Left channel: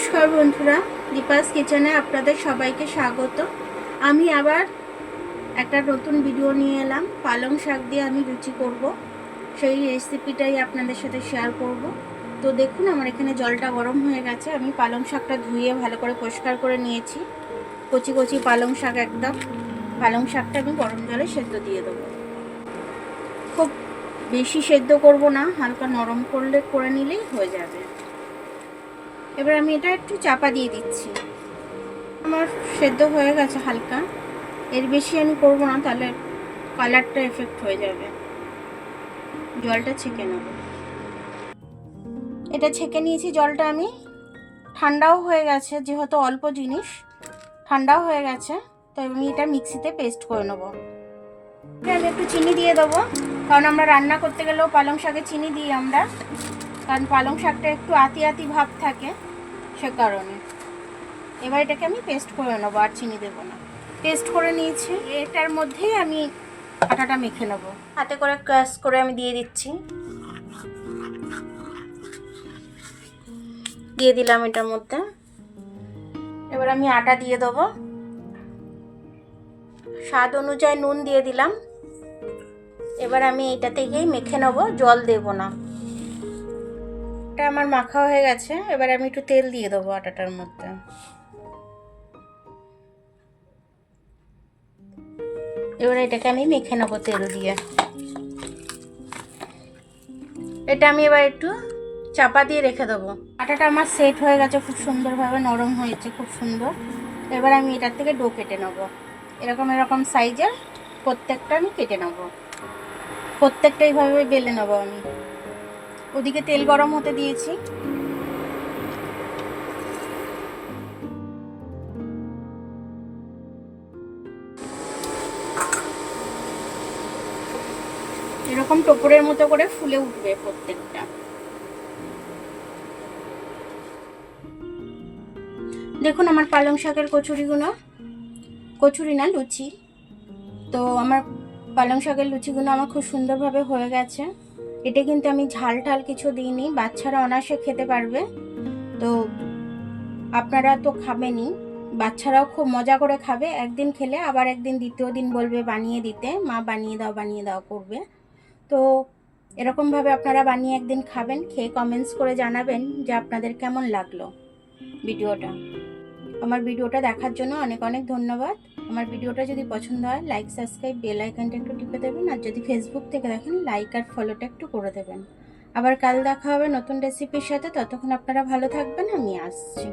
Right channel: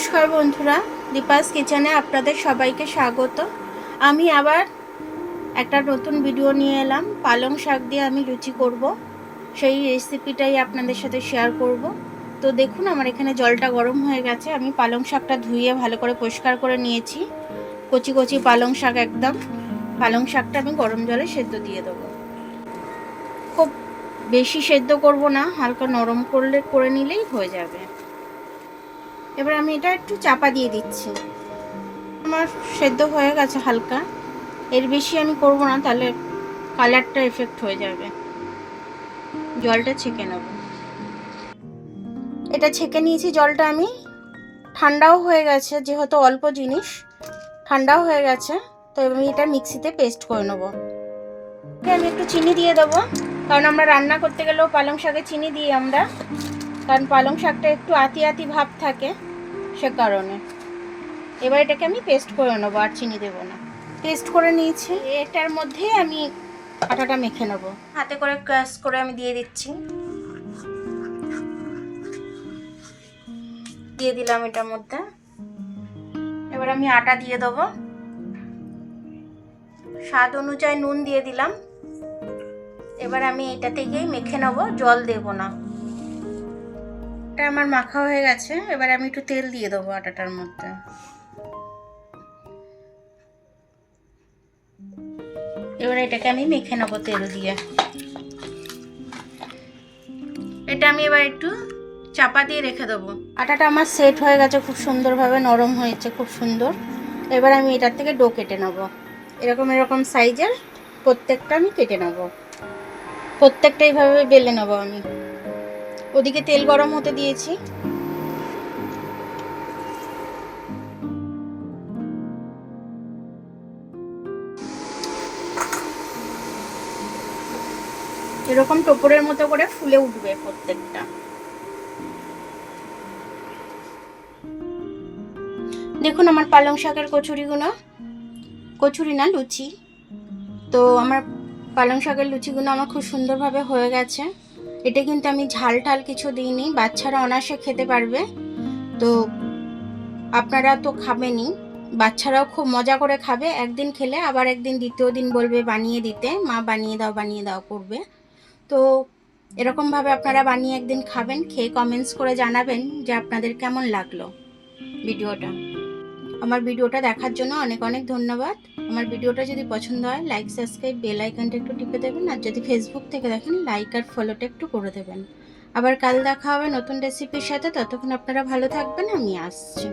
নমস্কার বন্ধুরা, দীপাস কিচেনে আপনাদের সবাইকে স্বাগত। আমি আবার একটা নতুন ভিডিও নিয়ে এলাম। পালং শাক দিয়ে আমি লুচি করব, সেই রেসিপিটাই আপনাদের সাথে শেয়ার করব। তো দেখুন, আমার এখানে জলটা গরম হয়ে গেছে। আমি পালং শাকটা ধুয়ে ভালো করে পরিষ্কার করে নিয়েছি। কচি কচি পালং শাক একদম। পালং শাকটা আমি গরম জলে সেদ্ধ দিয়ে দেবো। খুব বেশি সেদ্ধ করব না, হালকা নরম করে নিলেই হয়ে যাবে। এবার আমি এটা একটু চাপা দিয়ে দিচ্ছি। আমার সেদ্ধ হয়ে গেছে হালকা, এর বেশি আমি করব না, তাহলে কালারটা এফেক্ট হয়ে যাবে। জলটা ছেঁকে নেব। এটা ছেঁকে নিয়েছি জলটা আমি। ঠান্ডাও হয়ে গেছে, যেহেতু অল্প জিনিস, ঠান্ডাও হয়ে গেছে। তো আমি এটা মিক্সিতে পেস্ট করে নেব। আমি একটু চিনি দিয়ে দেবো, কারণ আমরা রান্না করতে গেলেও পালং শাকে চিনি দিই আমরা, কারণ পালং শাকটা একটু আতি আতি ভাব থাকে, সে কারণে। এবার এটাকে আমি পেস্ট করে নেবো, আর চিনি দেবো না। পেস্ট করে নিয়েছি। এটার মধ্যেই আমি আটাটা মেখে নেব। হাতে করে ক্রাশ করে আমি দিয়ে দিচ্ছি। দিয়ে দিলাম এটার মধ্যে। এবার আমি আটা দিয়ে দেবো। স্বাদ অনুযায়ী নুন দিয়ে দিলাম। এবার আমি এটা থেকেই মেখে নেব, জল দেব না। এটা আমার মাখা হয়ে গেছে। এবার আমি একটু তেল দিয়ে দেবো আটাটার মধ্যে। এবার এটাকে আমি মেখে নেবো তেল দিয়ে। এটা আমি এবার একটু চাপা দিয়ে রেখে দেবো। আটাটা আমার সেট হয়ে গেছে, খুব সুন্দরভাবে নরম হয়েছে, খুব সুন্দর। এবার আমি এটার থেকে ডো কেটে নেব। এরকম এরকম সাইজের প্রত্যেকটা আমি কেটে নেব। প্রত্যেকটা এইভাবে বেলে নেব আমি। ওদিকে তেল গরম হতে দিয়েছি। এরকম টোপরের মতো করে ফুলে উঠবে প্রত্যেকটা। দেখুন আমার পালং শাকের কচুরিগুলো, কচুরি না লুচি, তো আমার পালং শাকের লুচিগুলো আমার খুব সুন্দরভাবে হয়ে গেছে। এটা কিন্তু আমি ঝাল ঠাল কিছু দিইনি, বাচ্চারা অনায়াসে খেতে পারবে। তো আপনারা তো খাবেনই, বাচ্চারাও খুব মজা করে খাবে। একদিন খেলে আবার একদিন দ্বিতীয় দিন বলবে বানিয়ে দিতে, মা বানিয়ে দাও করবে। তো এরকমভাবে আপনারা বানিয়ে একদিন খাবেন, খেয়ে কমেন্টস করে জানাবেন যে আপনাদের কেমন লাগলো ভিডিওটা। আমার ভিডিওটা দেখার জন্য অনেক অনেক ধন্যবাদ। আমার ভিডিওটা যদি পছন্দ হয়, লাইক, সাবস্ক্রাইব, বেল আইকনটা একটু টিপে দেবেন। আর যদি ফেসবুক থেকে দেখেন, লাইক আর ফলোটা একটু করে দেবেন। আবার কাল দেখা হবে নতুন রেসিপির সাথে। ততক্ষণ আপনারা ভালো থাকবেন, আমি আসছি।